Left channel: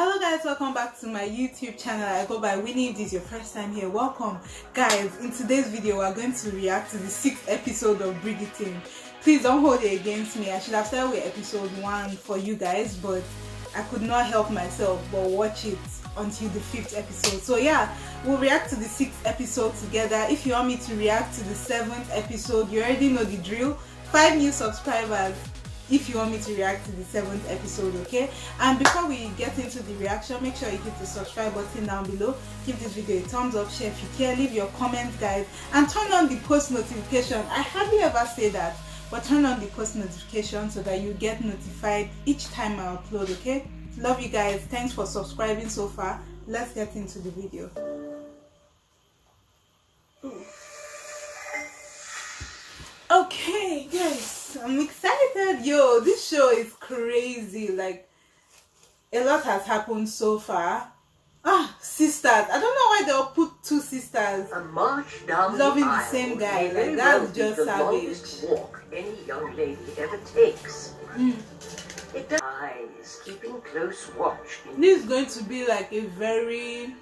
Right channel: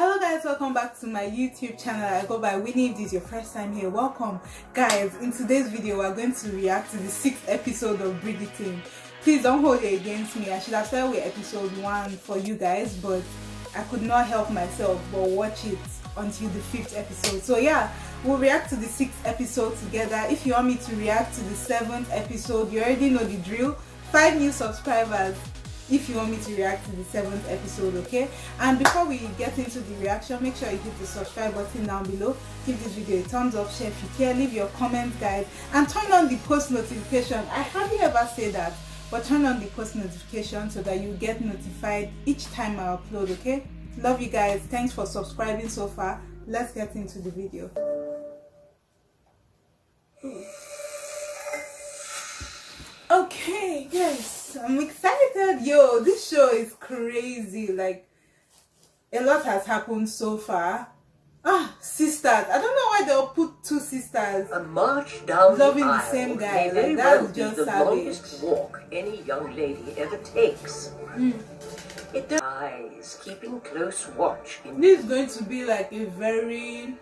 Hello guys, welcome back to my YouTube channel. I go by Winnie. If this is your first time here, welcome. Guys, in today's video we're going to react to the 6th episode of Bridgerton. Please don't hold it against me. I should have started with episode 1 for you guys, but I could not help myself but watch it until the 5th episode. So yeah, we'll react to the 6th episode together. If you want me to react to the 7th episode, you already know the drill. 5 new subscribers if you want me to react to the 7th episode, okay? And before we get into the reaction, make sure you hit the subscribe button down below, give this video a thumbs up, share if you care, leave your comments guys, and turn on the post notification. I hardly ever say that, but turn on the post notification so that you get notified each time I upload, okay? Love you guys. Thanks for subscribing so far. Let's get into the video. Okay, yes, I'm excited. Yo, this show is crazy. Like, a lot has happened so far. Sisters. I don't know why they'll put 2 sisters a march down loving the the same guy. Like, that's just the savage. longest walk any young lady ever takes. It does. Eyes keeping close watch. This is going to be like a very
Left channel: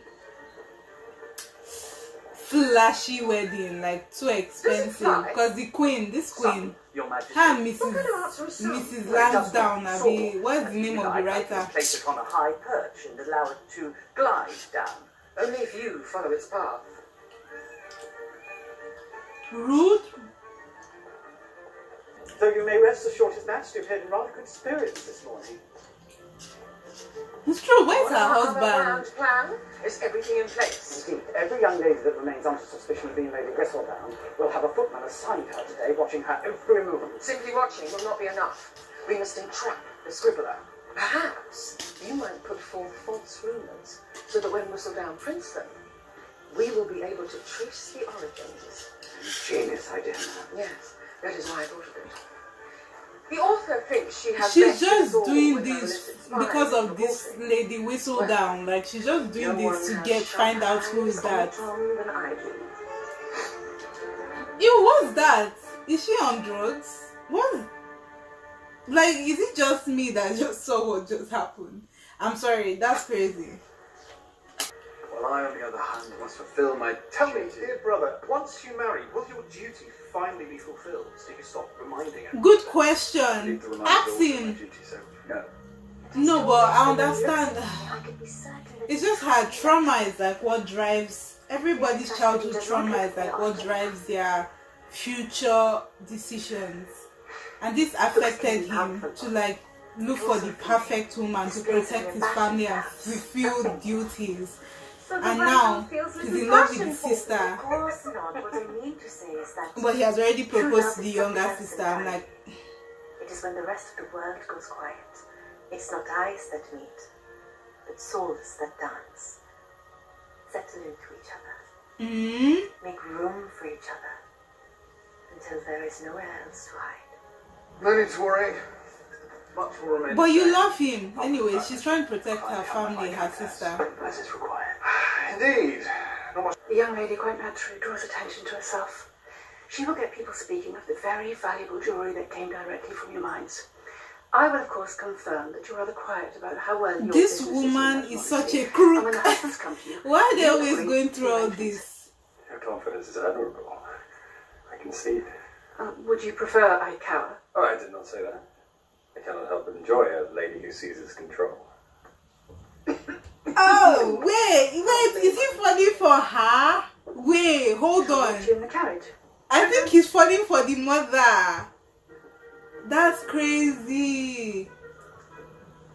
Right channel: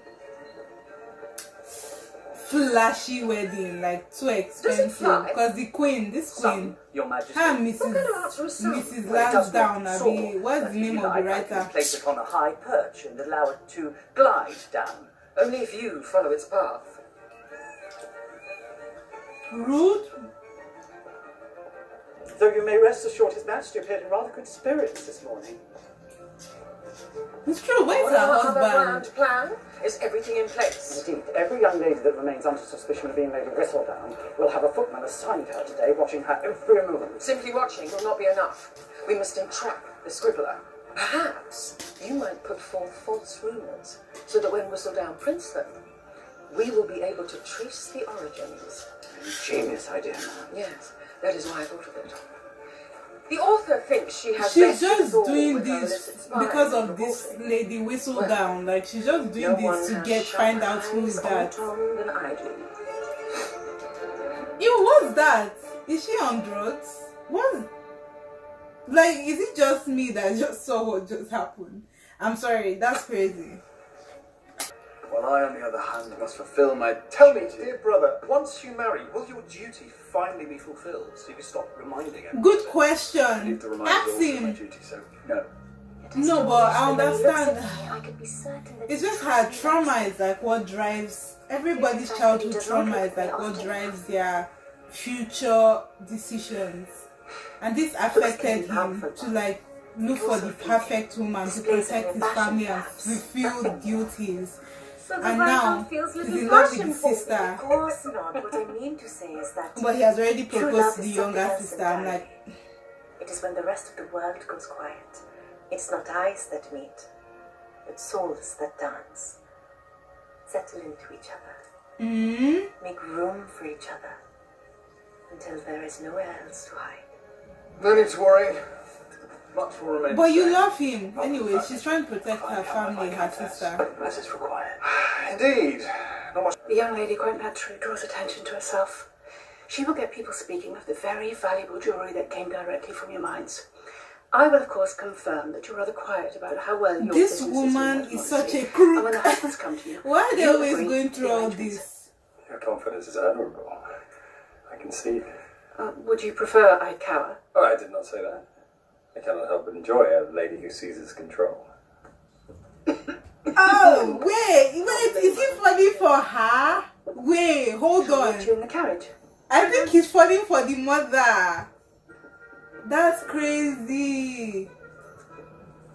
flashy wedding, like too expensive, because the queen, this queen, her Mrs. Lansdowne, what's the name of the writer? Place it on a high perch and allow it to glide down. Only if you follow its path. Rude. Though you may rest assured his majesty appeared in rather good spirits this morning. It's true, where's her husband? Plan? Is everything in place? Indeed, every young lady that remains under suspicion of being Lady Whistledown will have a footman assigned her today, watching her every movement. Simply watching will not be enough. We must entrap the scribbler. Perhaps you might put forth false rumours, so that when Whistledown prints them, we will be able to trace the origins. Genius idea, man. Yes, that is why I thought of it. The author thinks she has. She's just doing this because of this Lady Whistledown. Like, she's just doing this to find out who is that. Ew, what's that? Is she on drugs? What? Like, is it just me that just saw what just happened? I'm sorry, that's crazy. Well, I, on the other hand, must fulfill my... Tell me, dear brother, once you marry, will your duty finally be fulfilled so you can stop reminding him? Good question. Ask him. No. No, but I understand. It's just her trauma is like what drives... Everybody's childhood trauma is like what drives their future decisions. And this affected him to like look for the perfect woman to protect his family and fulfill duties. And now he's in love with his sister. But he has already proposed to the younger sister. I'm like, it is when the rest of the world goes quiet. It's not eyes that meet, but souls that dance. Settle into each other. Make room for each other until there is nowhere else to hide. No need to worry. Much will remain. But you love him. Anyway, she's trying to protect her family, her sister. As is required. Indeed. The young lady quite naturally draws attention to herself. She will get people speaking of the very valuable jewellery that came directly from your mines. I will, of course, confirm that you're rather quiet about how well your this woman is such a crook. And when the husbands come to you, why are they always going through all this? Your confidence is admirable. I can see it. Would you prefer I cower? Oh, I did not say that. I cannot help but enjoy a lady who seizes control. Oh, wait, is he falling for her? Wait, hold on. You in the carriage? I think he's falling for the mother. That's crazy.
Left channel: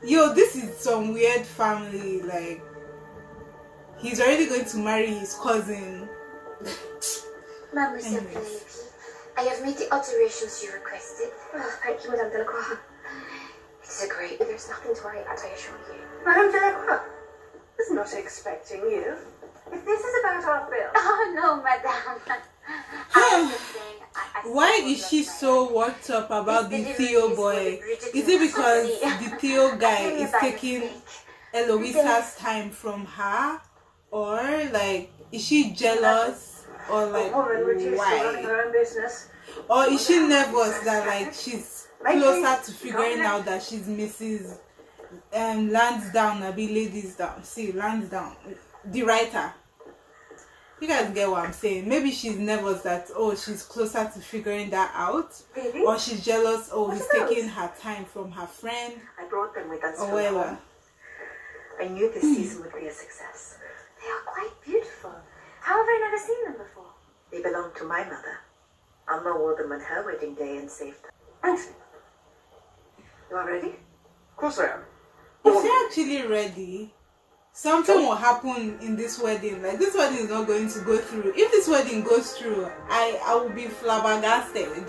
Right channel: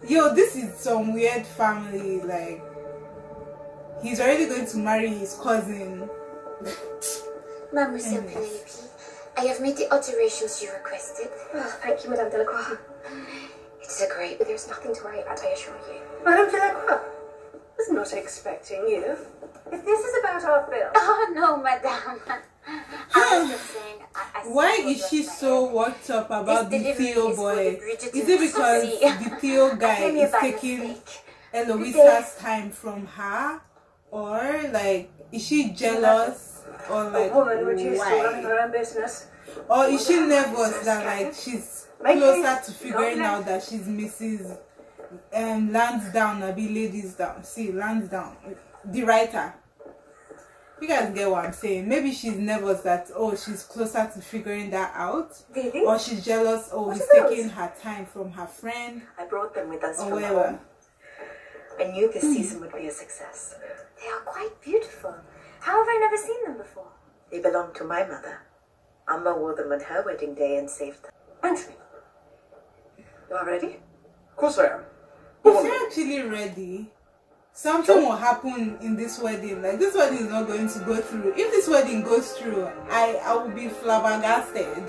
Yo, this is some weird family. Like, he's already going to marry his cousin. Mademoiselle Penelope, I have made the alterations you requested. Oh, thank you, Madame Delacroix. It's a great... There's nothing to worry about, I assure you. Madame Delacroix, I was not expecting you. If this is about our film... Oh, no, Madame. I was just saying... Why is she so worked up about the Theo boy? Is it because the Theo guy is taking Eloisa's time from her? Or, like, is she jealous? Or, like, running her own business. Or is she nervous that, like, she's closer to figuring out that she's Mrs. Lansdowne, I be ladies down. See, Lansdowne, the writer. You guys get what I'm saying? Maybe she's nervous that, oh, she's closer to figuring that out. Really? Or she's jealous, oh, he's taking her time from her friend. I brought them with us or from whatever. home. I knew this season would be a success. They are quite beautiful. How have I never seen them before? They belonged to my mother. Amma wore them on her wedding day and saved them. Anthony, you are ready? Of course I am. If you're actually ready, something will happen in this wedding. Like, this wedding is not going to go through. If this wedding goes through, I will be flabbergasted.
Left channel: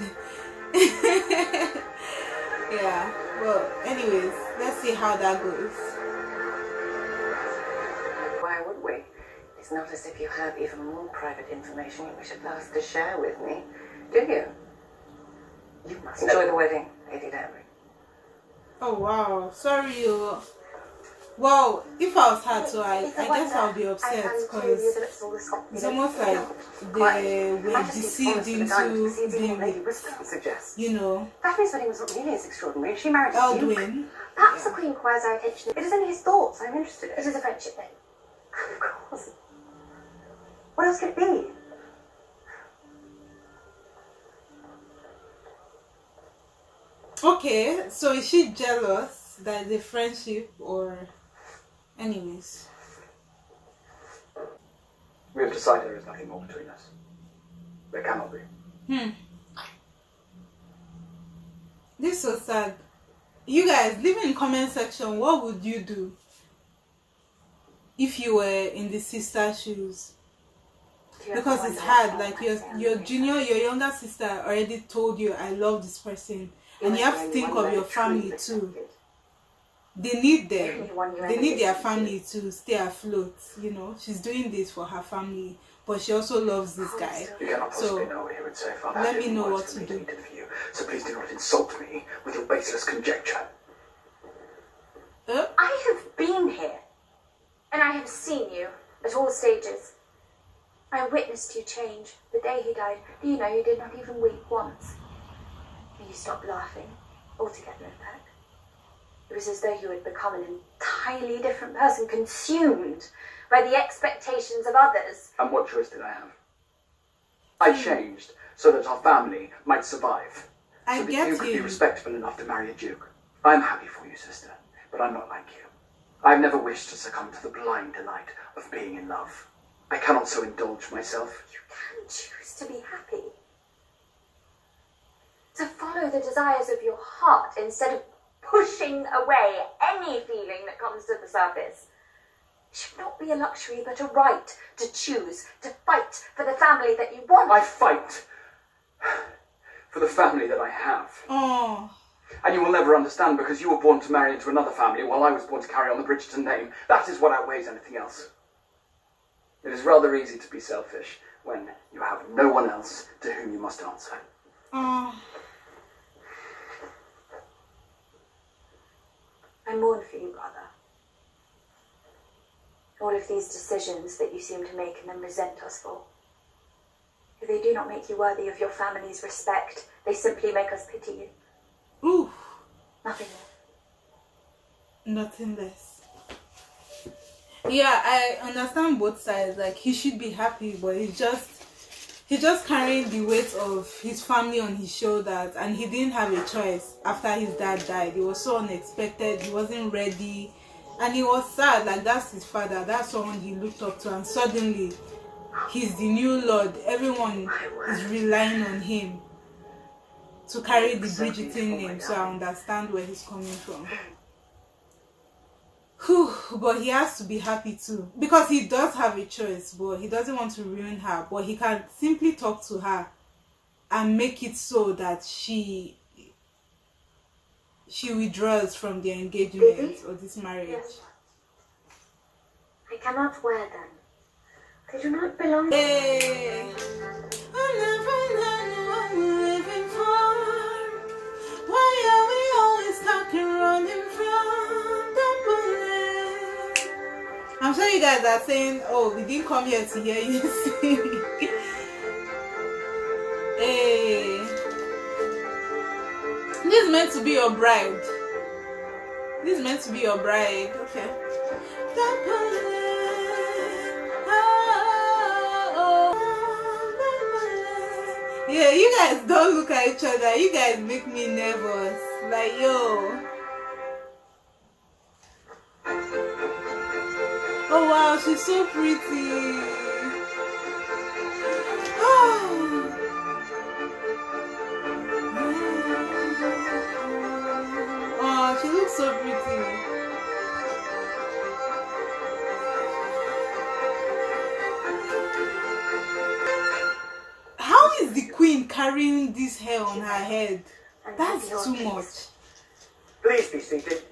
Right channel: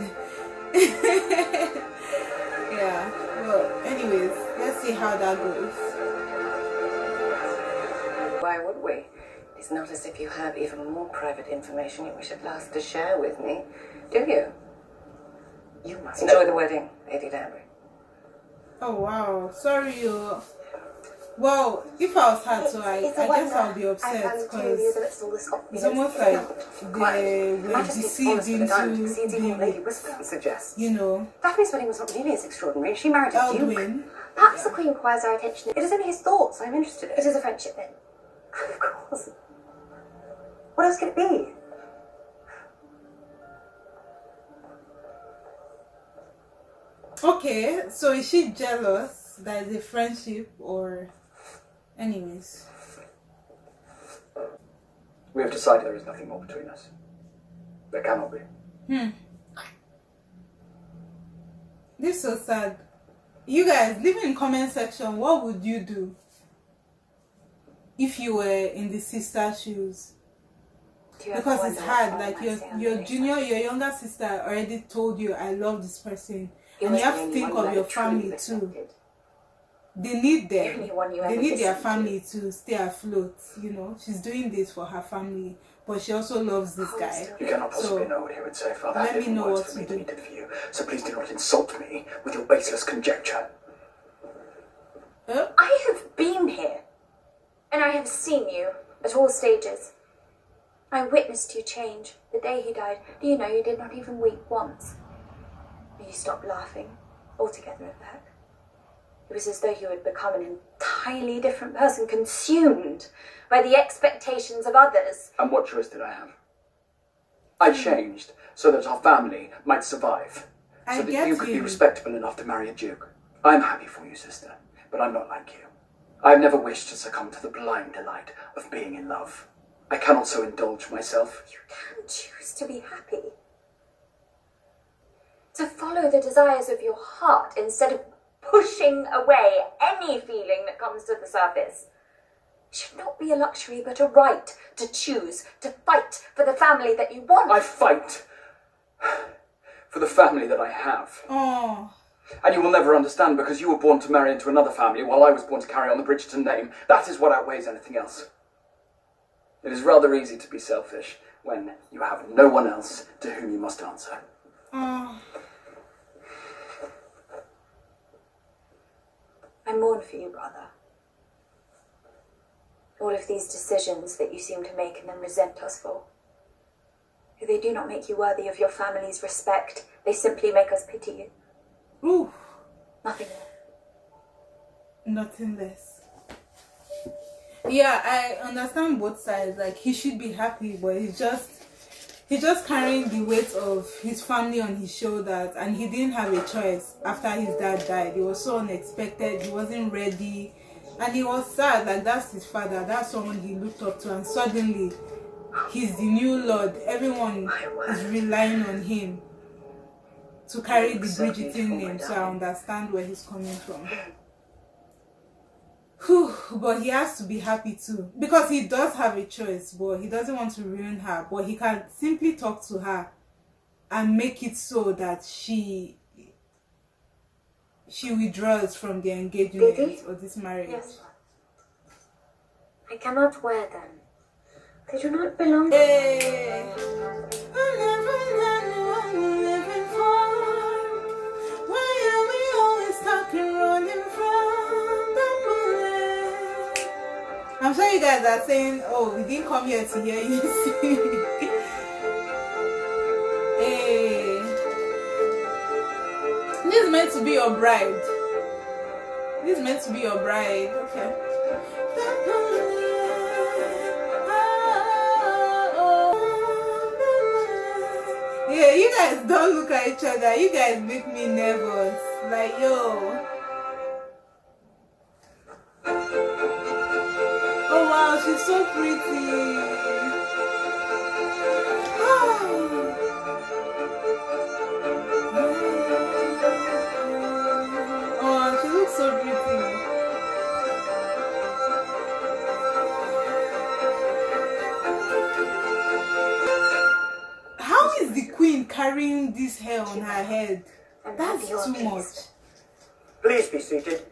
Yeah, well, anyways, let's see how that goes. Why would we? It's not as if you have even more private information you wish at last to share with me, do you? You must enjoy the wedding, Lady Danbury. Oh wow, sorry you. Well, if I was her too, I guess I'll be upset because it's almost like they were deceived into being, you know, Daphne's wedding was not nearly as extraordinary. She married a duke. Eldwin. Perhaps the Queen requires our attention. It is only his thoughts I'm interested in. It is a friendship then. Of course. What else could it be? Okay, so is she jealous that it's a friendship or anyways? We have decided there is nothing more between us. There cannot be. This is so sad. You guys, leave in comment section, what would you do if you were in the sister shoes? Because it's hard, like your younger sister already told you, I love this person. And you have to think of your family too. They need them. They need their family to stay afloat. You know, she's doing this for her family, but she also loves this guy. You cannot possibly know what he would say, Father. Let me know what to do. For you, so please do not insult me with your baseless conjecture. I have been here, and I have seen you at all stages. I witnessed you change the day he died. Do you know you did not even weep once? You stopped laughing altogether, in fact. It was as though you had become an entirely different person, consumed by the expectations of others. And what choice did I have? I changed so that our family might survive. So that you could be respectable enough to marry a duke. I'm happy for you, sister, but I'm not like you. I've never wished to succumb to the blind delight of being in love. I cannot so indulge myself. You can choose to be happy. To follow the desires of your heart instead of pushing away any feeling that comes to the surface. It should not be a luxury, but a right to choose, to fight for the family that you want. I fight for the family that I have. Oh. And you will never understand because you were born to marry into another family while I was born to carry on the Bridgerton name. That is what outweighs anything else. It is rather easy to be selfish when you have no one else to whom you must answer. Oh. I mourn for you, brother. All of these decisions that you seem to make and then resent us for. If they do not make you worthy of your family's respect, they simply make us pity you. Ooh. Nothing less. Nothing less. Yeah, I understand both sides. Like, he should be happy, but he's just carrying the weight of his family on his shoulders, and he didn't have a choice after his dad died. It was so unexpected. He wasn't ready, and he was sad. Like, that's his father. That's someone he looked up to, and suddenly he's the new lord. Everyone is relying on him to carry the Bridgerton name, so I understand where he's coming from. Whew, but he has to be happy too, because he does have a choice, but he doesn't want to ruin her. But he can simply talk to her and make it so that she withdraws from the engagement or this marriage. Yes. I cannot wear them. They do not belong. Hey. I'll never learn what we're living for. Why are we always stuck and running from the bullet? I'm sure you guys are saying, oh, we didn't come here to hear you sing. Hey. This is meant to be your bride. This is meant to be your bride. Okay. Yeah, you guys don't look at each other. You guys make me nervous. Like, yo. Oh wow, she's so pretty. Oh, she looks so pretty. How is the queen carrying this hair on her head? That's too much. Please be seated.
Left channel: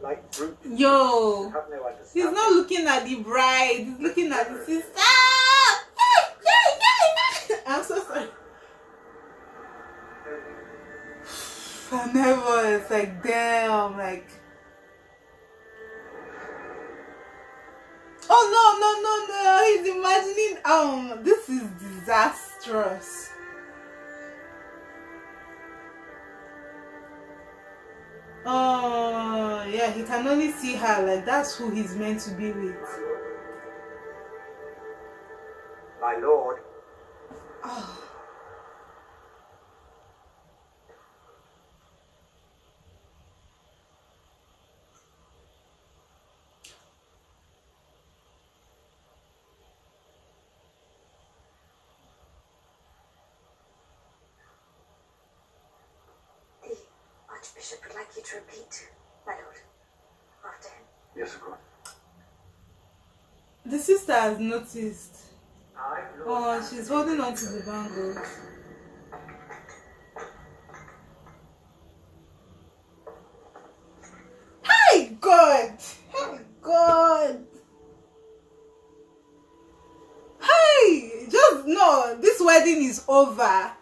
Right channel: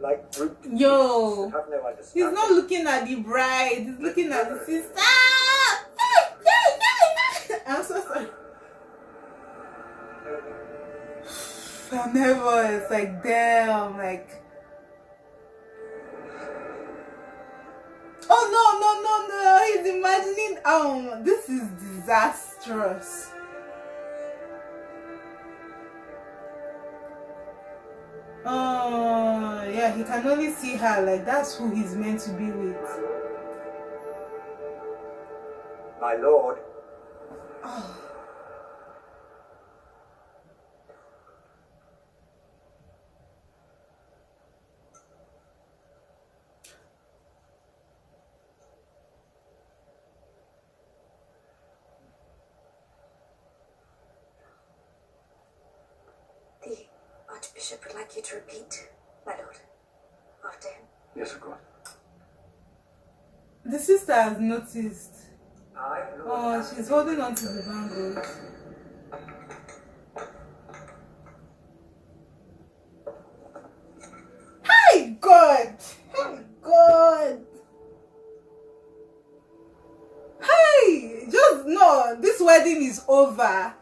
Like brute. Yo, Have no he's understanding. not looking at the bride, he's looking at the sister. I'm so sorry. I'm nervous, like damn, like. Oh no, he's imagining, this is disastrous. Oh yeah, he can only see her, like that's who he's meant to be with. My lord. Oh. Bishop would like you to repeat, my lord, after him. Yes, of course. The sister has noticed. Oh, she's holding on to the bangles. Hey God! Hey God! Hey! Just no, this wedding is over.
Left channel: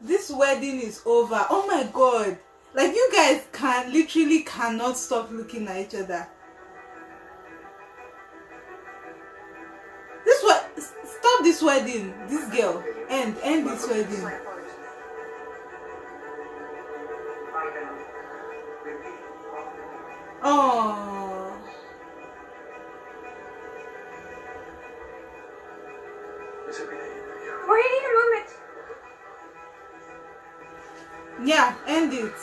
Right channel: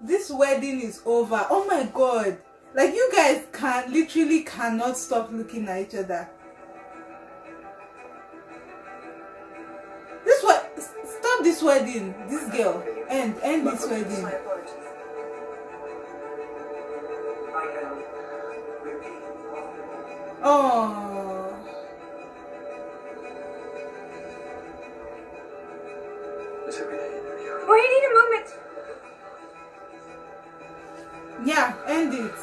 This wedding is over. Oh my God! Like, you guys literally cannot stop looking at each other. Stop this wedding, this girl. End this wedding. Oh. It's okay. Wait a moment. Yeah, end it.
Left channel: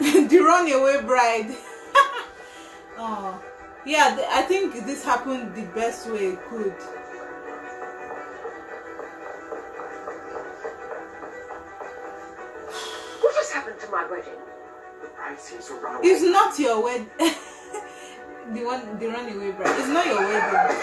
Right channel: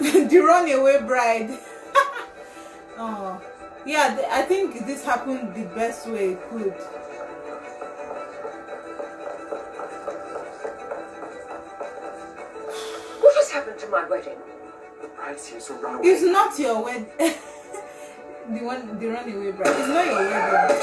The runaway bride. Oh, yeah, I think this happened the best way it could. What has happened to my wedding? The bride seems to run away. It's not your wedding. the runaway bride. It's not your wedding.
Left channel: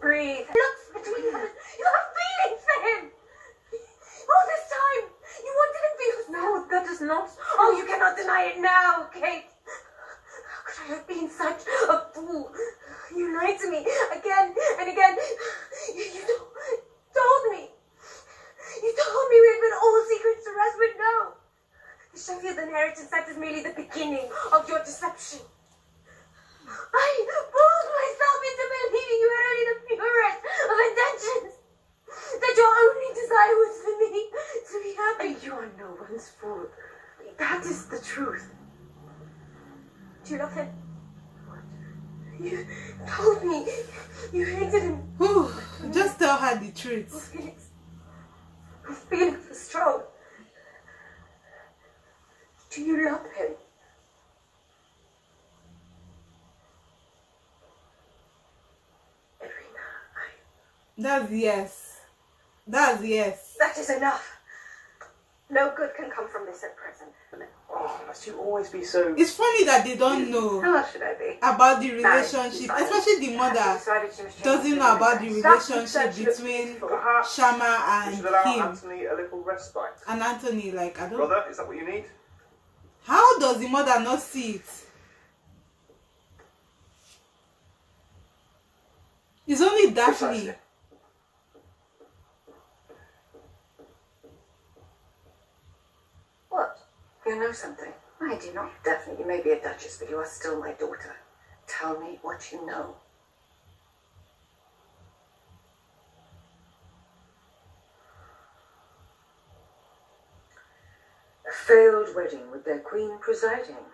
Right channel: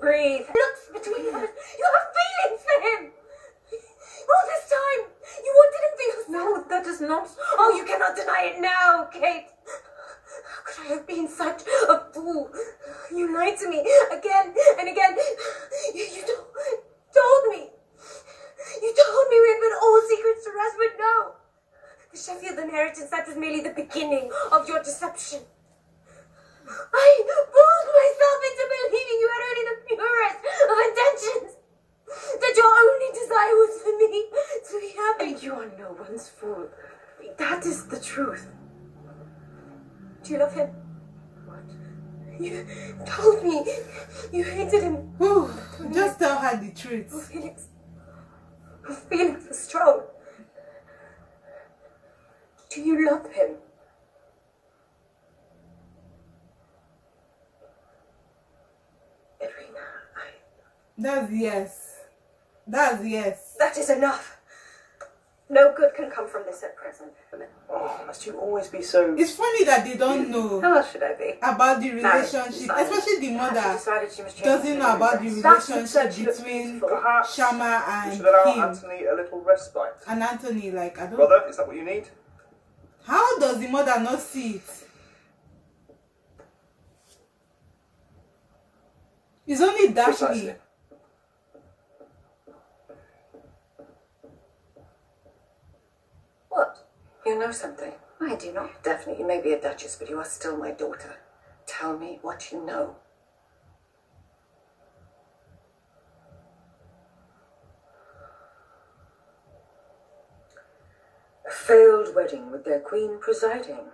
Breathe. Look between us. You have feelings for him. All this time, you wanted him for yourself. No, that is not. Oh, you cannot deny it now, Kate. How could I have been such a fool? You lied to me again and again. You told me. You told me we had been all secrets to rest, but no. The Sheffield inheritance, that is merely the beginning of your deception. I fooled myself into believing you had only the purest of intentions. That your only desire was for me to be happy. You are no one's fool. That is the truth. Do you love him? What? You told me you hated him. Whew, just tell her the truth. Feelings are strong. Do you love him? That's yes. That's yes. That is enough. No good can come from this at present. Oh, must you always be so... It's funny that they don't know How else should I be? about the relationship, especially the mother doesn't know about the relationship between Shama You and should allow him Anthony a little respite. and Anthony. Like, I don't. Brother, is that what you need? How does the mother not see it? It's only Daphne. Precisely. What? You know something? I do not. Daphne, you may be a duchess, but you are still my daughter. Tell me what you know. A failed wedding with their queen presiding.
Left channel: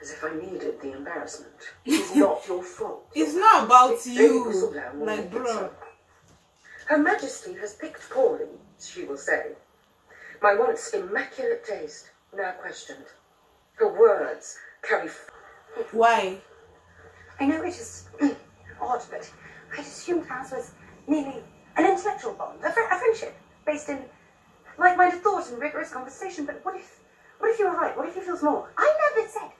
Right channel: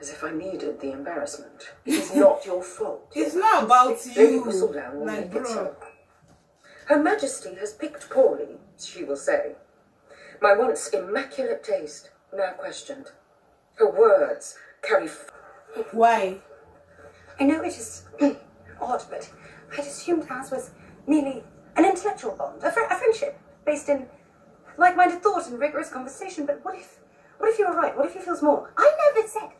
As if I needed the embarrassment. It's not your fault. It's not about you. Like, bro. So. Her Majesty has picked poorly, she will say. My once immaculate taste, now questioned. Her words carry... Why? I know it is odd, but I'd assumed ours was merely an intellectual bond, a friendship, based in like-minded thought and rigorous conversation. But what if you were right? What if he feels more? I never said.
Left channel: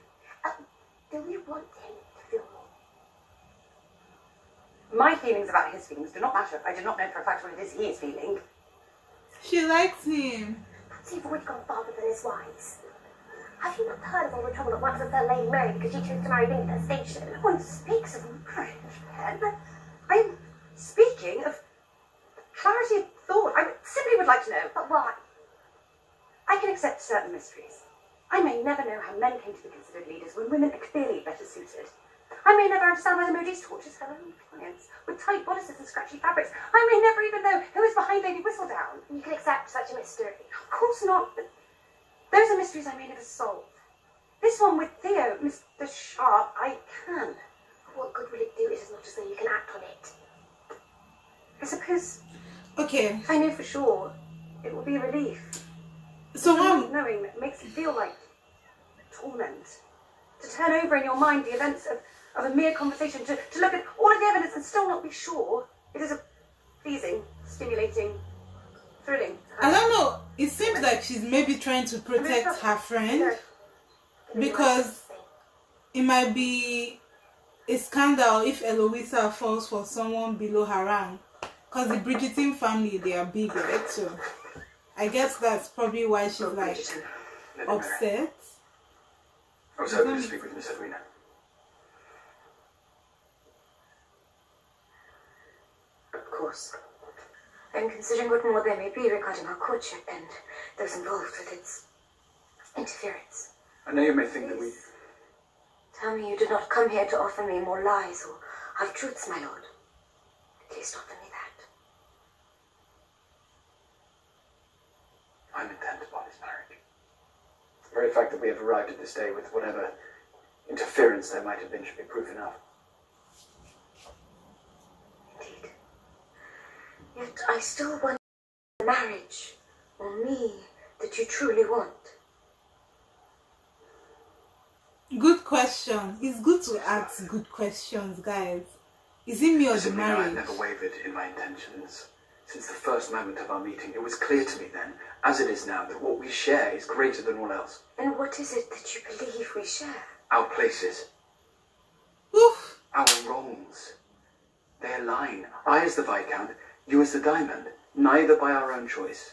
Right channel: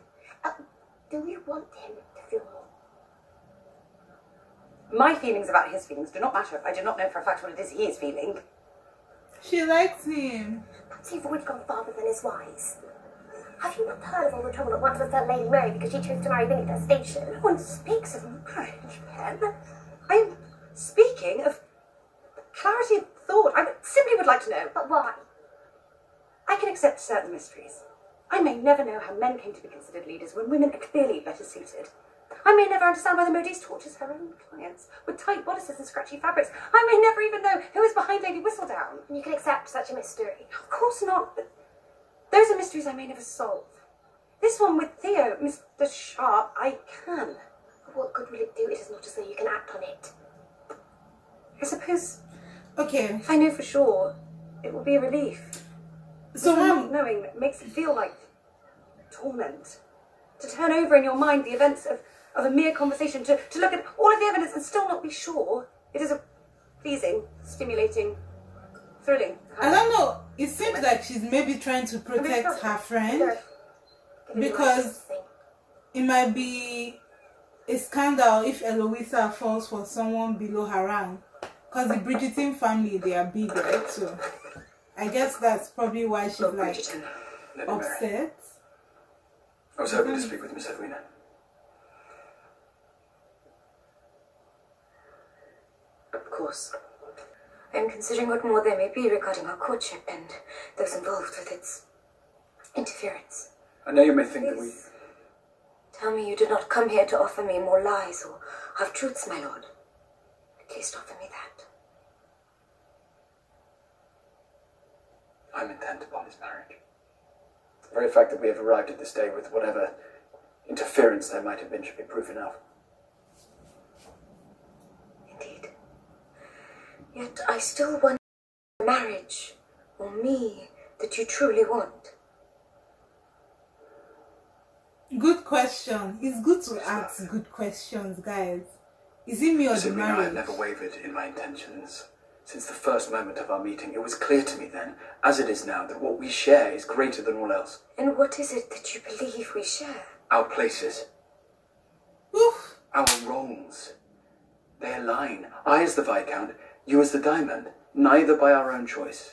Do we want him to feel more? My feelings about his feelings do not matter if I do not know for a fact what it is he is feeling. She likes him. Perhaps you've already gone farther than is wise. Have you not heard of all the trouble that once befell Lady Mary because she chose to marry beneath her station? No one speaks of marriage, Pen. I'm speaking of clarity of thought. I simply would like to know. But why? I can accept certain mysteries. I may never know how men came to be considered leaders when women are clearly better suited. I may never understand why the modiste tortures her own clients with tight bodices and scratchy fabrics. I may never even know who is behind Lady Whistledown. You can accept such a mystery. Of course not, but those are mysteries I may never solve. This one with Theo, Mr. Sharp, I can. What good will it do? It is not as though you can act on it. I suppose... Okay. If I know for sure, it will be a relief. So not knowing makes it feel like torment. To turn over in your mind the events of a mere conversation, to look at all of the evidence and still not be sure. It is a pleasing, stimulating, thrilling. I don't know. It seems like she's maybe trying to protect her friend, because it might be a scandal if Eloisa falls for someone below her rank. Because the Bridgerton family, they are big, right? So I guess that's probably why she's like upset. I was hoping to speak with Miss Edwina. Of course. I'm considering what more there may be regarding our courtship and those involved with its interference. I know you may think that we... Tell me you did not come here to offer me more lies or half-truths, my lord. At least offer me that. I'm intent upon his marriage. The very fact that we have arrived at this day with whatever interference there might have been should be proof enough. Indeed. Yet I still wonder the marriage, or me, that you truly want. Good question. It's good to ask good questions, guys. Is it me or the marriage? I've never wavered in my intentions. Since the first moment of our meeting, it was clear to me then, as it is now, that what we share is greater than all else. And what is it that you believe we share? Our places. Oof. Our roles. They align. I as the Viscount, you as the Diamond. Neither by our own choice.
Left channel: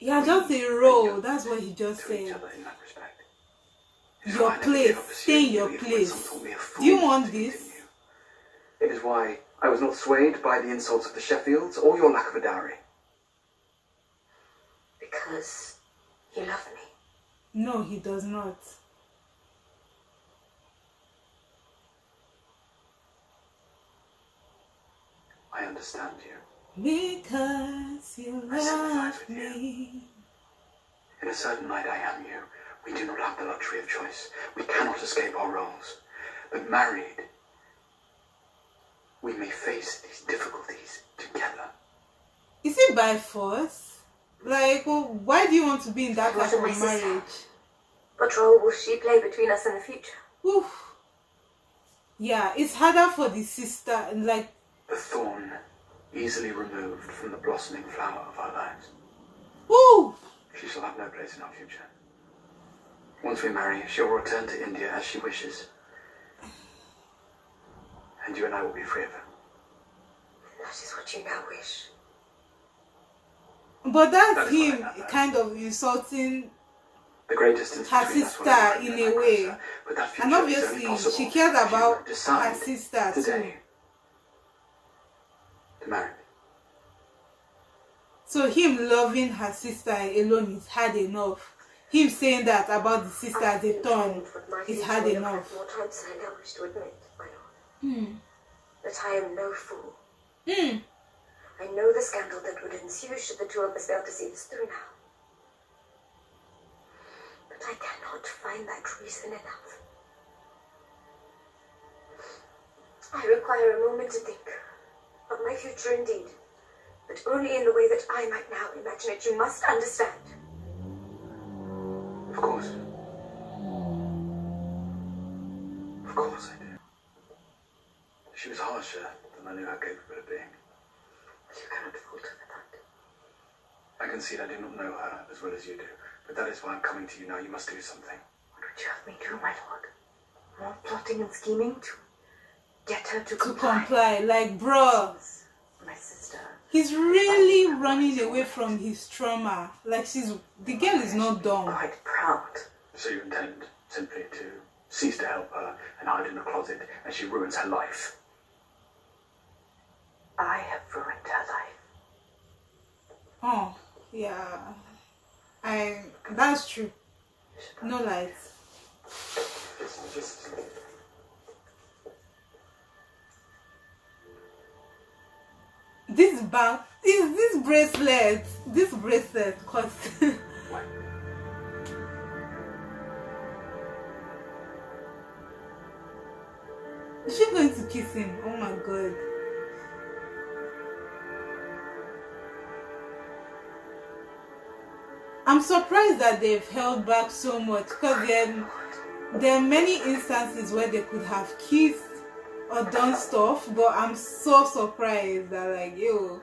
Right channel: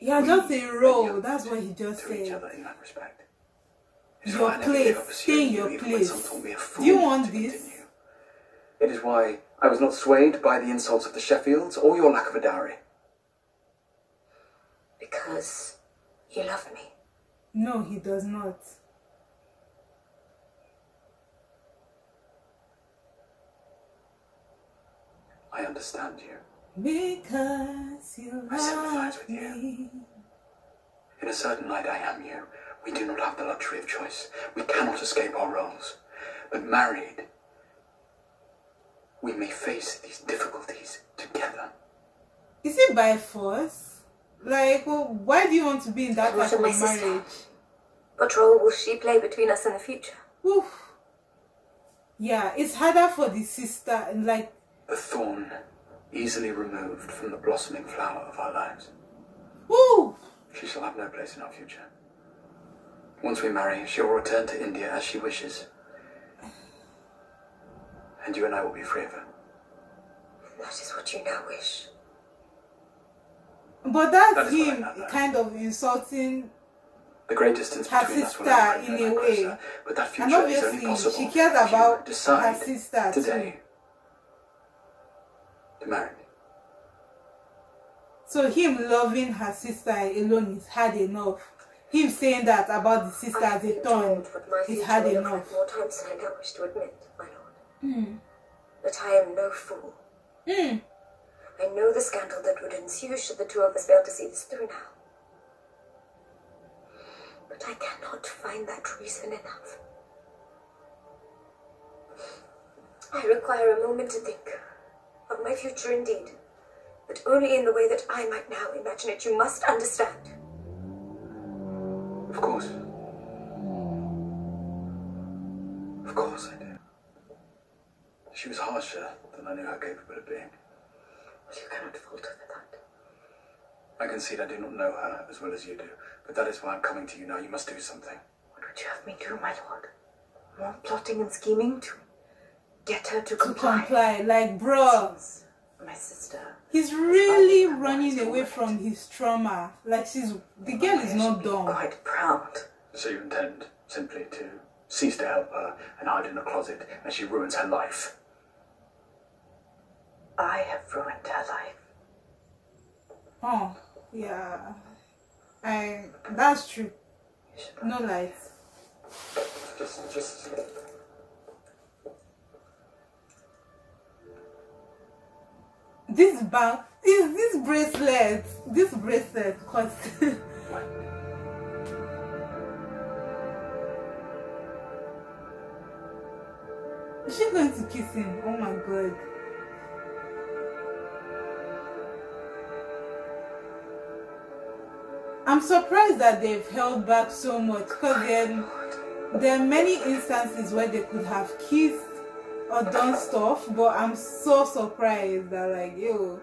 Yeah, just a role. That's what he just to each said. other in that respect. Your place. Stay in your place. Do you want this? It is why I was not swayed by the insults of the Sheffields or your lack of a dowry. Because you love me. No, he does not. I understand you. Because you love me. In a certain light, I am you. We do not have the luxury of choice. We cannot escape our roles. But married, we may face these difficulties together. Is it by force? Like, well, why do you want to be in that type of marriage? What role will she play between us in the future? Oof. Yeah, it's harder for the sister, and like... The thorn easily removed from the blossoming flower of our lives. Ooh. She shall have no place in our future. Once we marry, she will return to India as she wishes. And you and I will be free of her. That is what you now wish. But that's him kind of insulting the great distance her sister in a way. But that future and obviously is only possible she cares about decide her sister today too. To marry me. So him loving her sister alone is hard enough. him saying that about the sister as a thorn, he's had enough. More times than I now wish to admit, my lord. But I am no fool. I know the scandal that would ensue should the two of us fail to see this through now. But I cannot find that reason enough. I require a moment to think of my future indeed, but only in the way that I might now imagine it. You must understand. Of course. Of course I do. She was harsher than I knew her capable of being. But you cannot fault her for that. I concede I do not know her as well as you do, but that is why I'm coming to you now. You must do something. What would you have me do, my lord? More plotting and scheming to get her to comply? Like, bro. My sister. He's really running away from his trauma. Like, the girl is not dumb. Quite proud. So you intend simply to cease to help her and hide in a closet as she ruins her life? I have ruined her life. Oh, yeah. That's true. No lies. Just... This bracelet cost. Is she going to kiss him? Oh my god. I'm surprised that they've held back so much, because there are many instances where they could have kissed or done stuff, but I'm so surprised that, like, yo,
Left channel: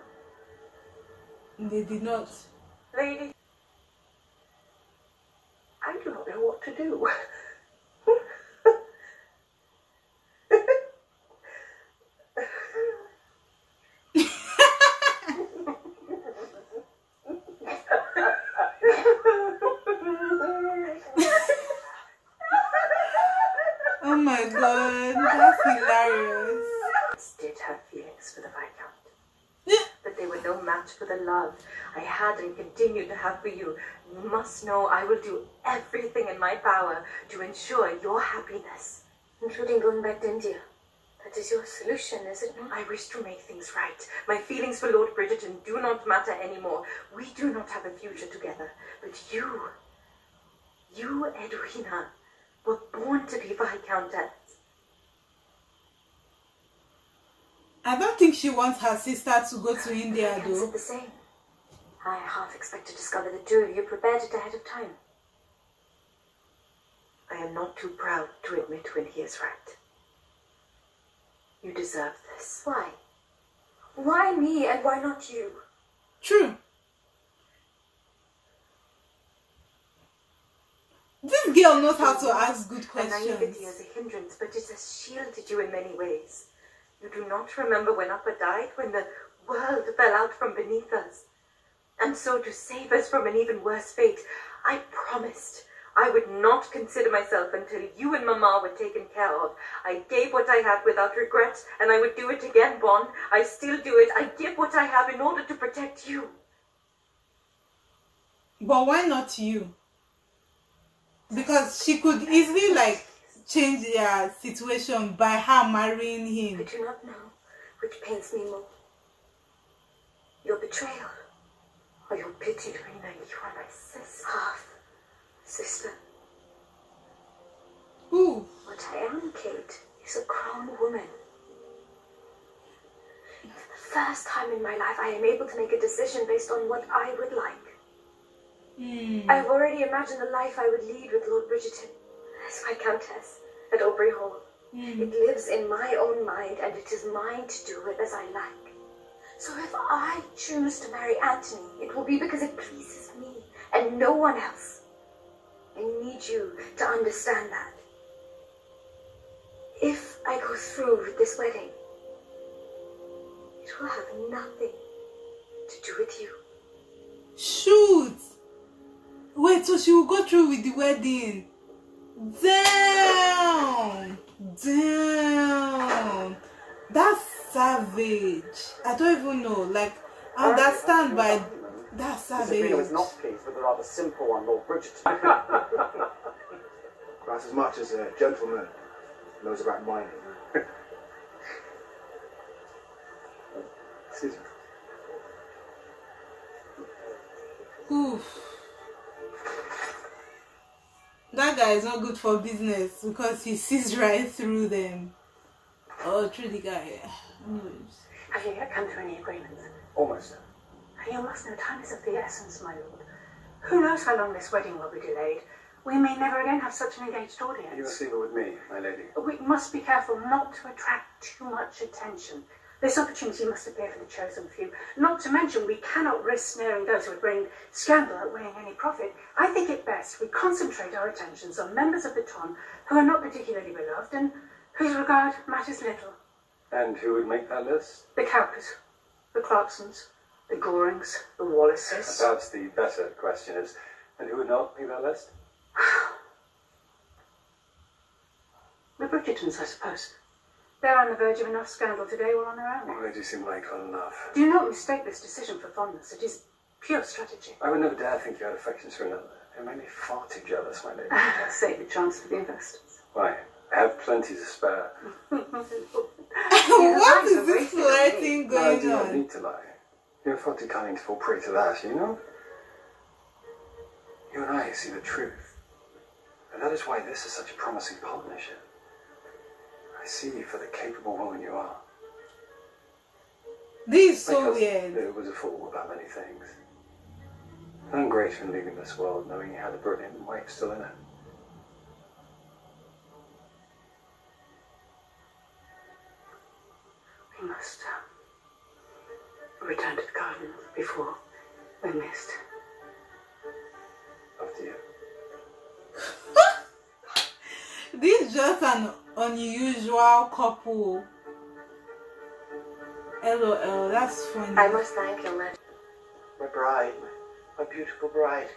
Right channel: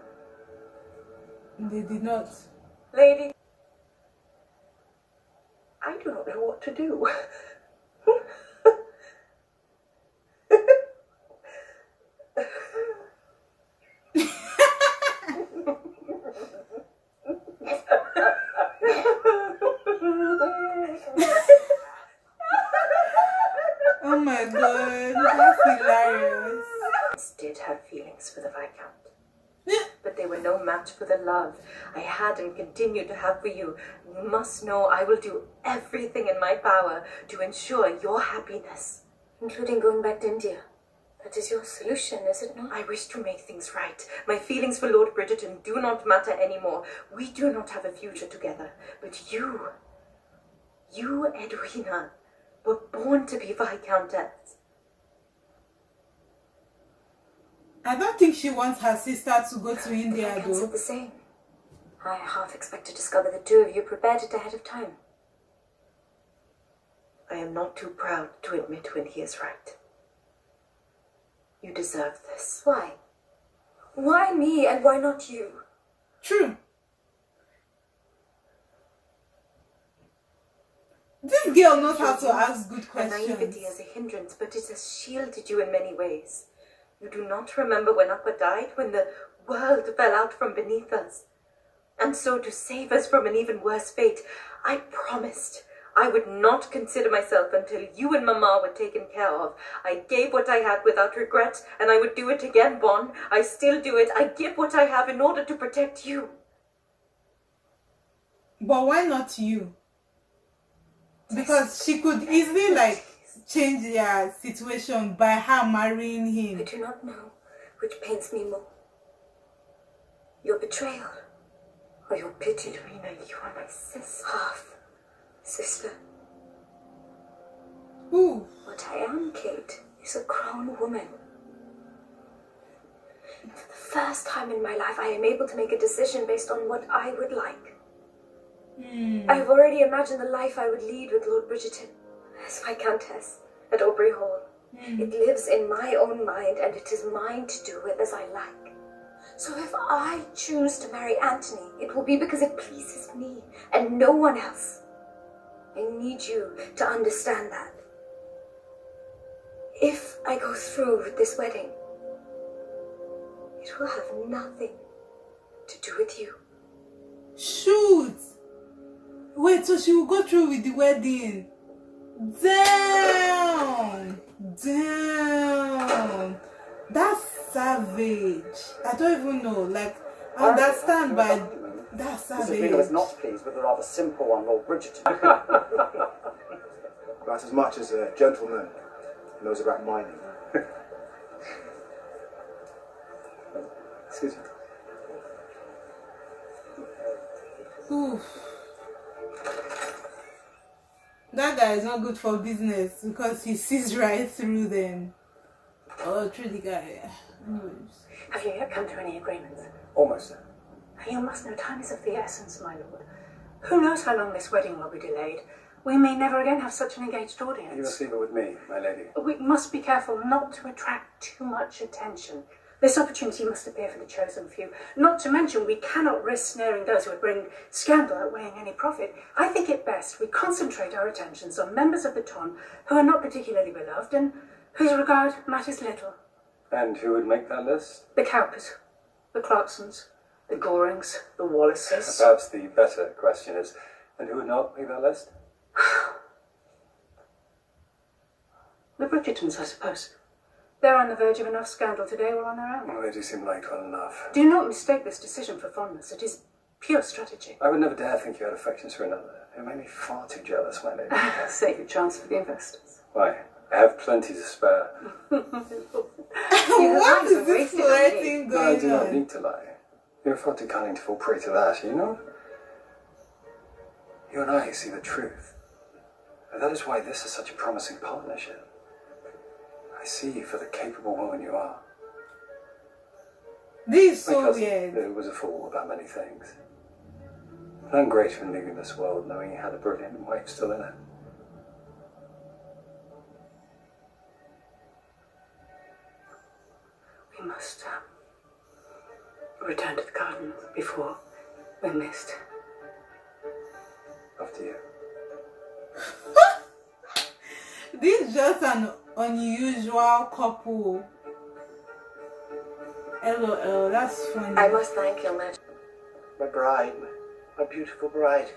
they did not. Lady, I do not know what to do. Oh my god, that's hilarious. Did have feelings for the Viscount, but they were no match for the love I had and continue to have for you. You must know I will do everything in my power to ensure your happiness, including going back to India. That is your solution, is it not? I wish to make things right. My feelings for Lord Bridgerton do not matter anymore. We do not have a future together, but you, Edwina, were born to be Viscountess. I don't think she wants her sister to go to India, though. though. The same. I half expect to discover the two of you prepared it ahead of time. I am not too proud to admit when he is right. You deserve this. Why? Why me and why not you? True. This girl knows how to ask good questions. Naivety as a hindrance, but it has shielded you in many ways. You do not remember when Upper died, when the world fell out from beneath us. And so to save us from an even worse fate, I promised I would not consider myself until you and Mama were taken care of. I gave what I had without regret, and I would do it again, Bon. I still do it. I give what I have in order to protect you. But why not you? Because she could easily, like, change their situation by her marrying him. I do not know which pains me more. Your betrayal or your pity, Rena. You are my sister. Half sister. Who? What I am, Kate, is a grown woman. For the first time in my life, I am able to make a decision based on what I would like. I've already imagined the life I would lead with Lord Bridgerton as Viscountess at Aubrey Hall. It lives in my own mind, and it is mine to do with as I like. So if I choose to marry Anthony, it will be because it pleases me and no one else. I need you to understand that. If I go through with this wedding, it will have nothing to do with you. Shoot! Wait, so she will go through with the wedding? Damn! Damn! That's savage. I don't even know. Like, I understand, but That's Mrs. savage. Wheeler was not pleased with the rather simple one, Lord Bridgerton. About as much as a gentleman knows about mining. Excuse me. Oof. That guy is not good for business because he sees right through them. Oh, through the guy. Have you yet come to any agreements? Almost there. You must know time is of the essence, my lord. Who knows how long this wedding will be delayed? We may never again have such an engaged audience. You must leave it with me, my lady. We must be careful not to attract too much attention. This opportunity must appear for the chosen few. Not to mention, we cannot risk snaring those who would bring scandal outweighing any profit. I think it best we concentrate our attentions on members of the ton who are not particularly beloved and whose regard matters little. And who would make that list? The Cowpers, the Clarksons, the Gorings, the Wallaces. Perhaps the better question is, and who would not make that list? The Bridgertons, I suppose. They're on the verge of enough scandal today all on their own. Well, they do seem like well enough. Do not mistake this decision for fondness. It is pure strategy. I would never dare think you had affections for another. It made me far too jealous, my lady. Save your chance for the investors. Why? I have plenty to spare. What is this flirting But I going do not on? need to lie. You're far too cunning to fall prey to that, you know? You and I see the truth. And that is why this is such a promising partnership. I see you for the capable woman you are. This is so Because weird. it was a fool about many things. None greater in leaving this world knowing he had a brilliant wife still in it. We must return to the garden before we're missed. After you. This is just an unusual couple. LOL, that's funny. I must thank your majesty. My bride, my beautiful bride.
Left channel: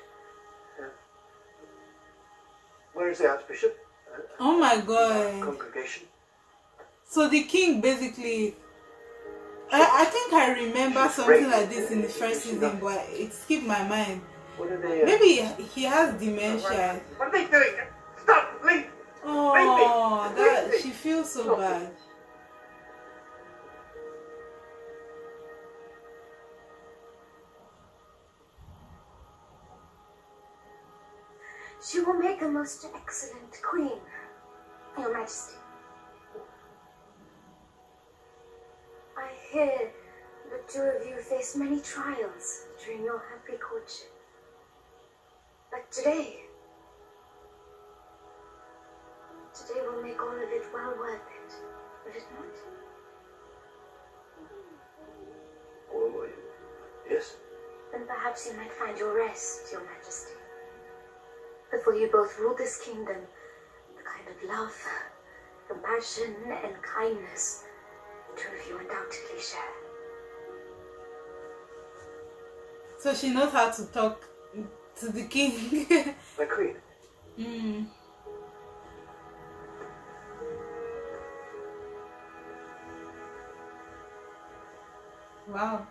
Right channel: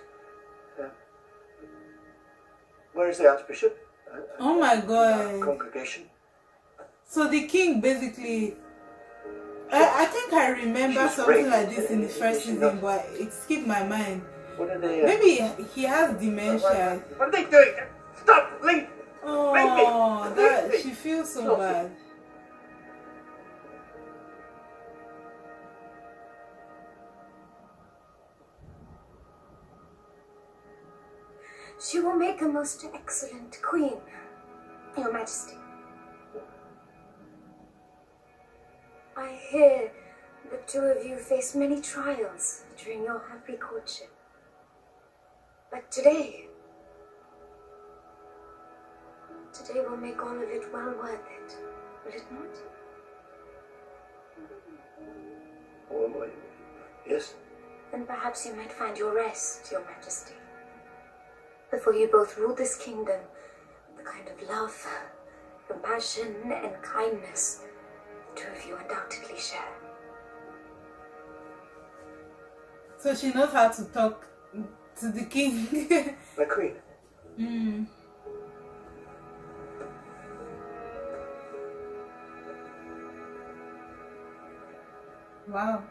Where is the Archbishop? Oh my god. Congregation. So the king basically... I think I remember She's something great. like this in the first season, but it skipped my mind. What are they? Maybe he has dementia. What are they doing? Stop! Leave! Oh, Leave that me. she feels so bad. She will make a most excellent queen, Your Majesty. I hear the two of you faced many trials during your happy courtship. But today will make all of it well worth it, will it not? Oh, yes. Then perhaps you might find your rest, Your Majesty. Before you both rule this kingdom, the kind of love, compassion, and kindness the two of you undoubtedly share. So she knows how to talk to the king. My queen. Mm. Wow.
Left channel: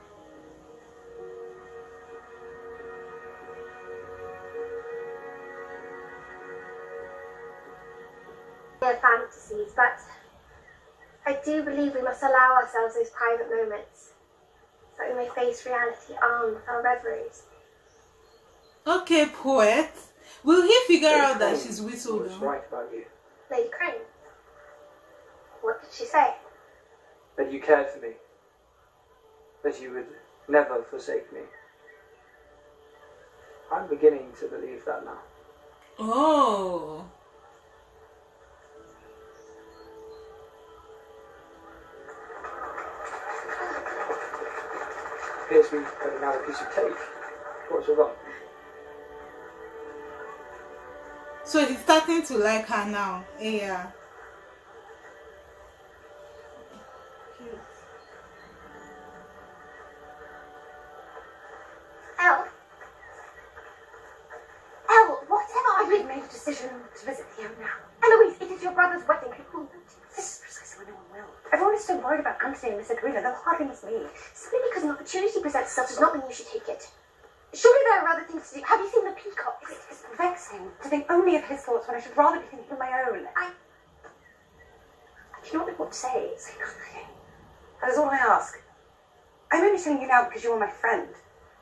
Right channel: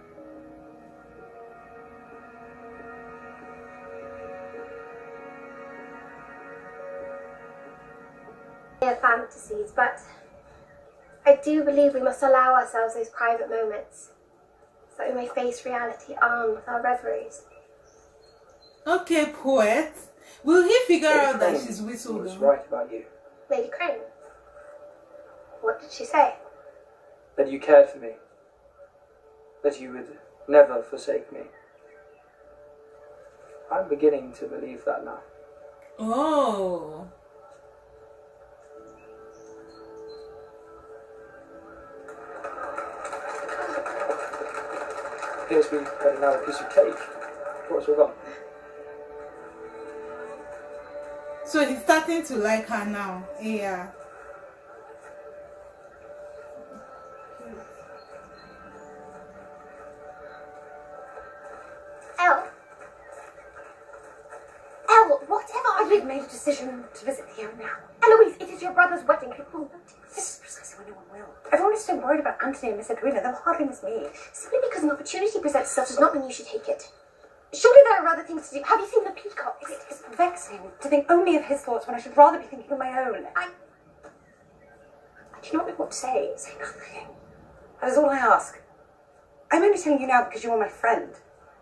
Fantasies, but I do believe we must allow ourselves those private moments so that we may face reality armed with our reveries. Okay, poet. Will he figure Lady out that Crane she's whistled was down? right about you. Lady Crane, what did she say? That you cared for me. That you would never forsake me. I'm beginning to believe that now. Oh. Appears we had another piece of cake. What's wrong? So he's starting to like her now. Yeah. Elle, whatever We've made a decision to visit here now. Eloise, it is your brother's wedding. This is precisely when no one will. Everyone is so worried about Anthony and Miss Edwina, they'll hardly miss me. Simply because an opportunity presents itself does not mean you should take it. Surely there are other things to do. Have you seen the peacock? It's vexing to think only of his thoughts when I should rather be thinking of my own. Do you not know what to say? Say nothing. That is all I ask. I'm only telling you now because you are my friend,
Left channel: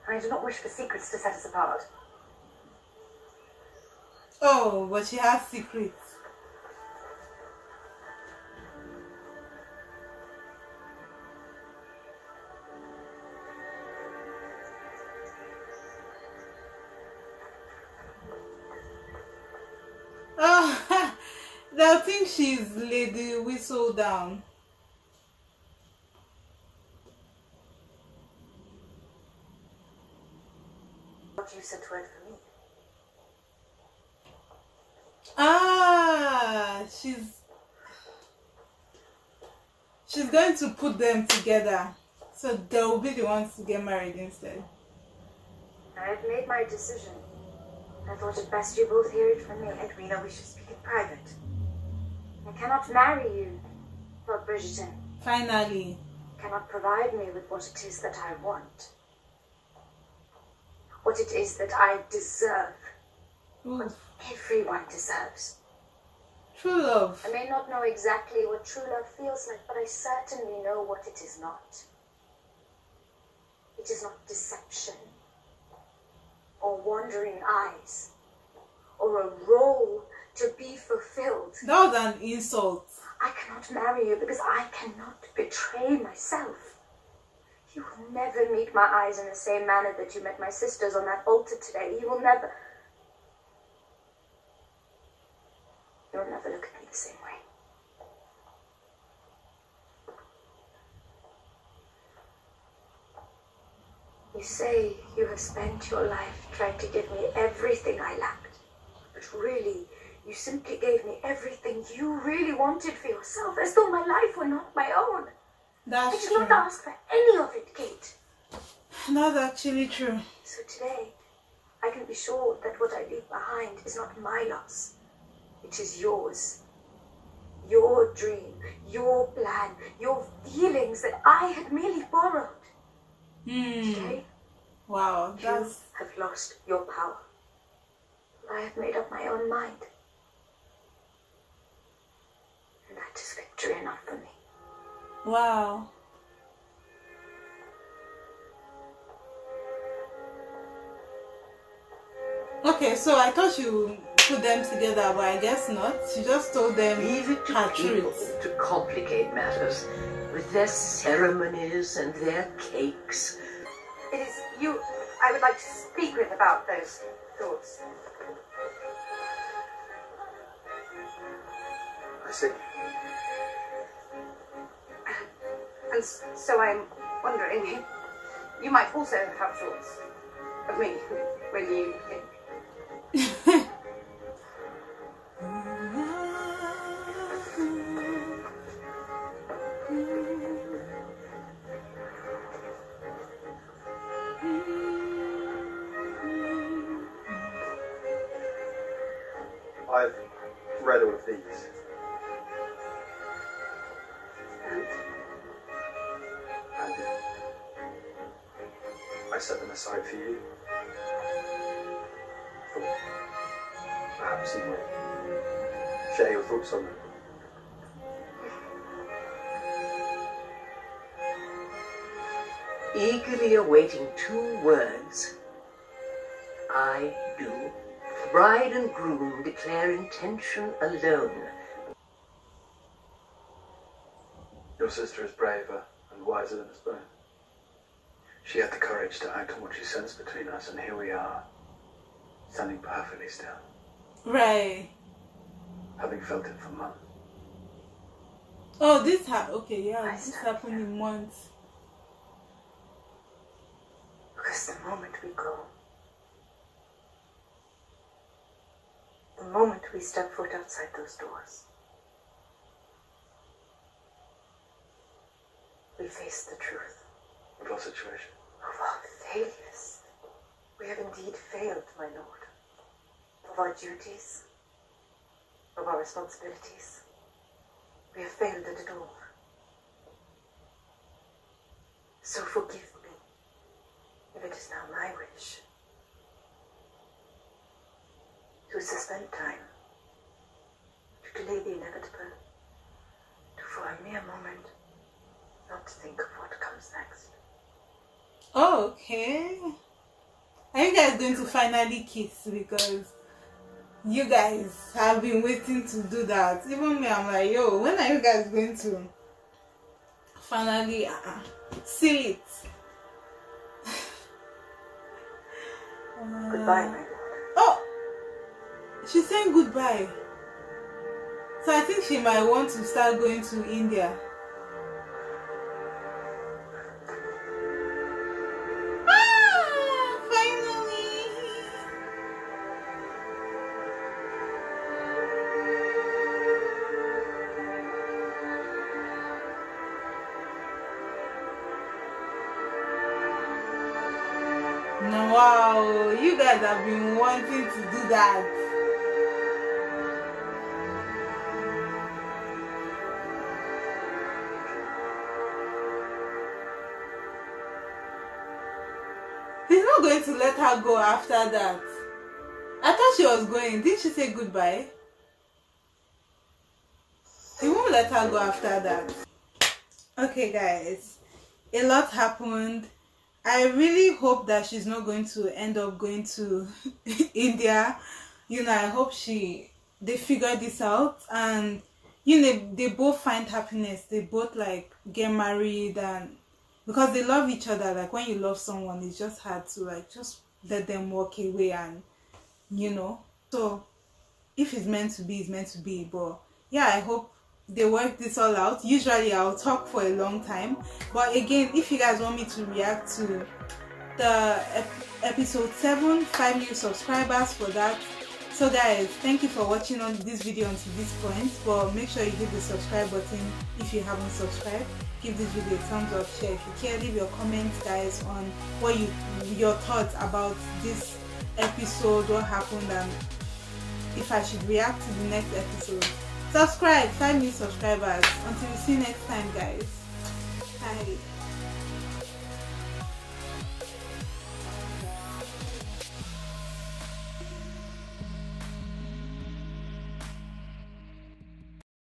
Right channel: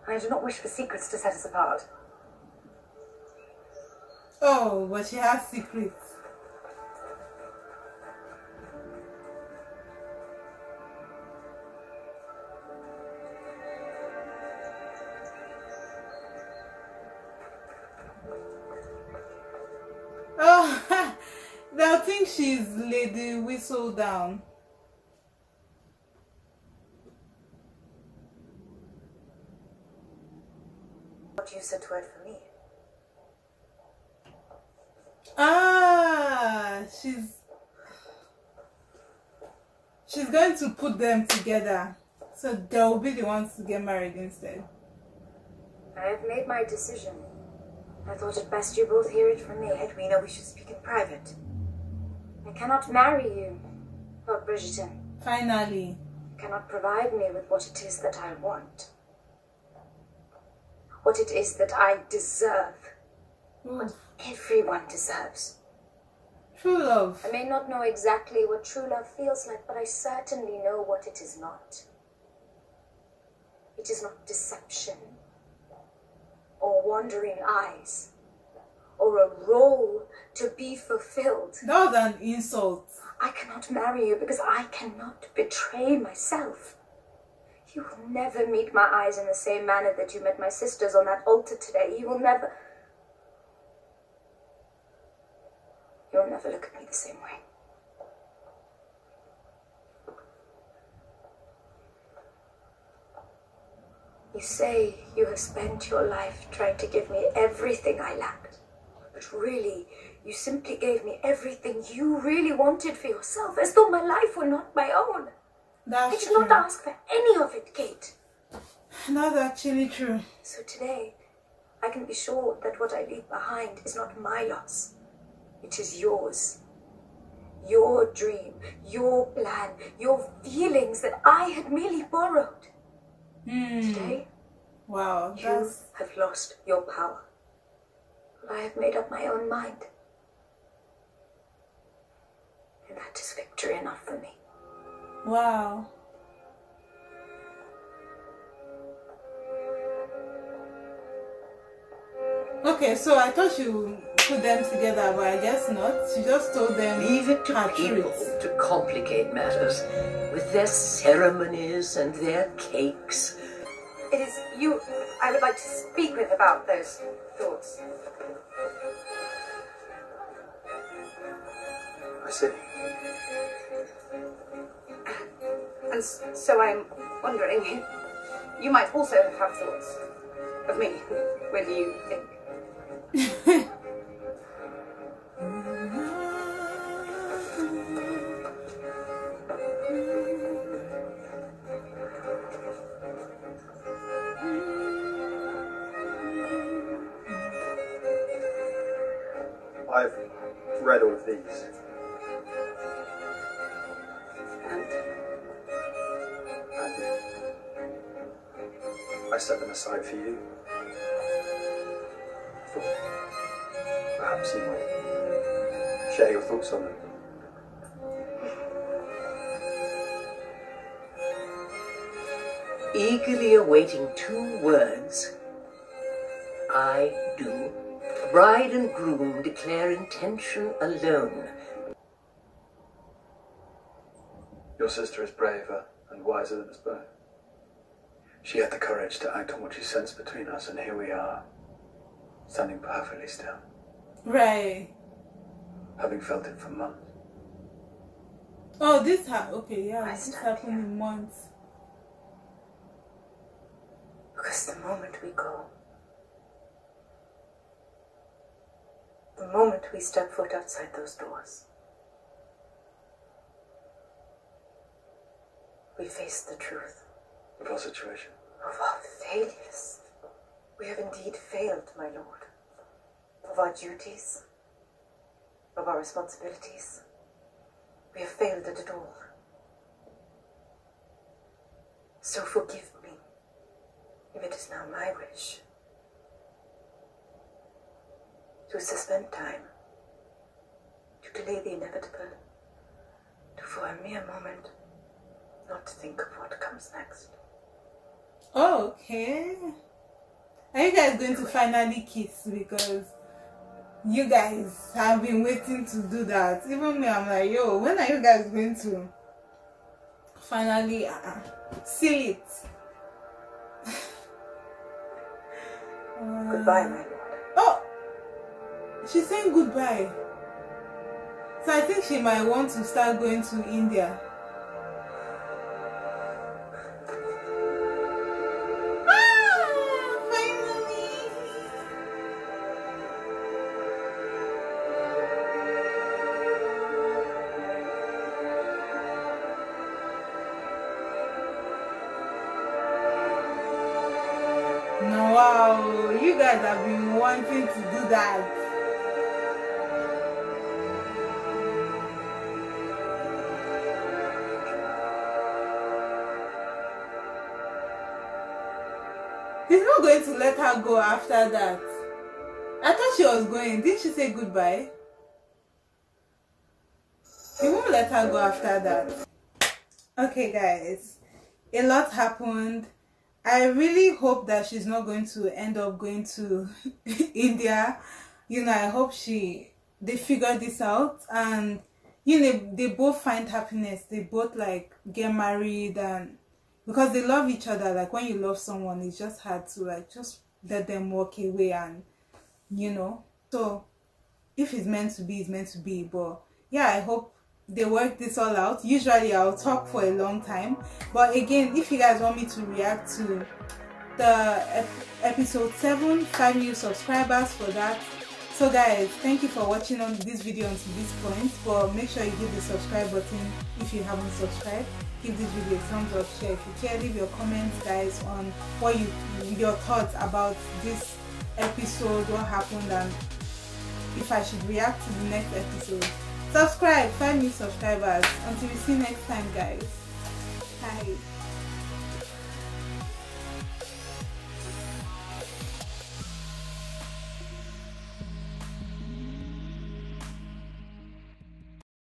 and I do not wish for secrets to set us apart. Oh, but she has secrets. Oh, they'll think she's Lady Whistle Down. What you said word for me. Ah, she's going to put them together, so they'll be the ones to get married instead. I have made my decision. I thought it best you both hear it from me. Edwina, we should speak in private. I cannot marry you, Lord Bridgerton. Finally. You cannot provide me with what it is that I want. What it is that I deserve. Oof. Everyone deserves. True love. I may not know exactly what true love feels like, but I certainly know what it is not. It is not deception, or wandering eyes, or a role to be fulfilled. That was an insult. I cannot marry you because I cannot betray myself. You will never meet my eyes in the same manner that you met my sister's on that altar today. You'll never look at me the same way. You say you have spent your life trying to give me everything I lacked. But really, you simply gave me everything you really wanted for yourself, as though my life were not my own. That's I did true. not ask for any of it, Kate. That's actually true. So today, I can be sure that what I leave behind is not my loss. It is yours. Your dream, your plan, your feelings that I had merely borrowed. Today, Wow, you have lost your power. I have made up my own mind. And that is victory enough for me. wow. Okay, so I thought you put them together, but I guess not. She just told them Leave it to her people truth. to complicate matters with their ceremonies and their cakes. It is you I would like to speak with about those thoughts. I see. And so I'm wondering, you might also have thoughts of me when you think. I've read all of these. And I set them aside for you. I thought perhaps you might share your thoughts on them. Eagerly awaiting 2 words. I do. Bride and groom declare intention alone. Your sister is braver and wiser than us both. She had the courage to act on what she sensed between us, and here we are, standing perfectly still. Right. Having felt it for months. Oh, this okay, yeah, this happened in months. Because the moment we go, the moment we step foot outside those doors, we face the truth. Of our situation. Of our failures. We have indeed failed, my lord. Of our duties. Of our responsibilities. We have failed at it all. So forgive me if it is now my wish to suspend time, to delay the inevitable, to for a mere moment not think of what comes next. Oh, okay. Are you guys going to finally kiss? Because you guys have been waiting to do that. Even me, I'm like, yo, when are you guys going to finally seal it? Goodbye, my lord. Oh, she's saying goodbye. So I think she might want to start going to India. Wow, you guys have been wanting to do that. He's not going to let her go after that. I thought she was going. Didn't she say goodbye? He won't let her go after that. Okay guys, a lot happened. I really hope that she's not going to end up going to India. You know, I hope they figure this out, and you know, they both find happiness. They both like get married, and because they love each other. Like when you love someone, it's just hard to like just let them walk away, and you know. So if it's meant to be, it's meant to be. But yeah, I hope they work this all out. Usually I'll talk for a long time, but again, if you guys want me to react to the episode 7, 5 new subscribers for that. So guys, thank you for watching on this video until this point, but make sure you hit the subscribe button if you haven't subscribed. Give this video a thumbs up, share if you care, leave your comments guys on what your thoughts about this episode, what happened, and if I should react to the next episode. Subscribe, 5 new subscribers. Until we see you next time guys. Bye.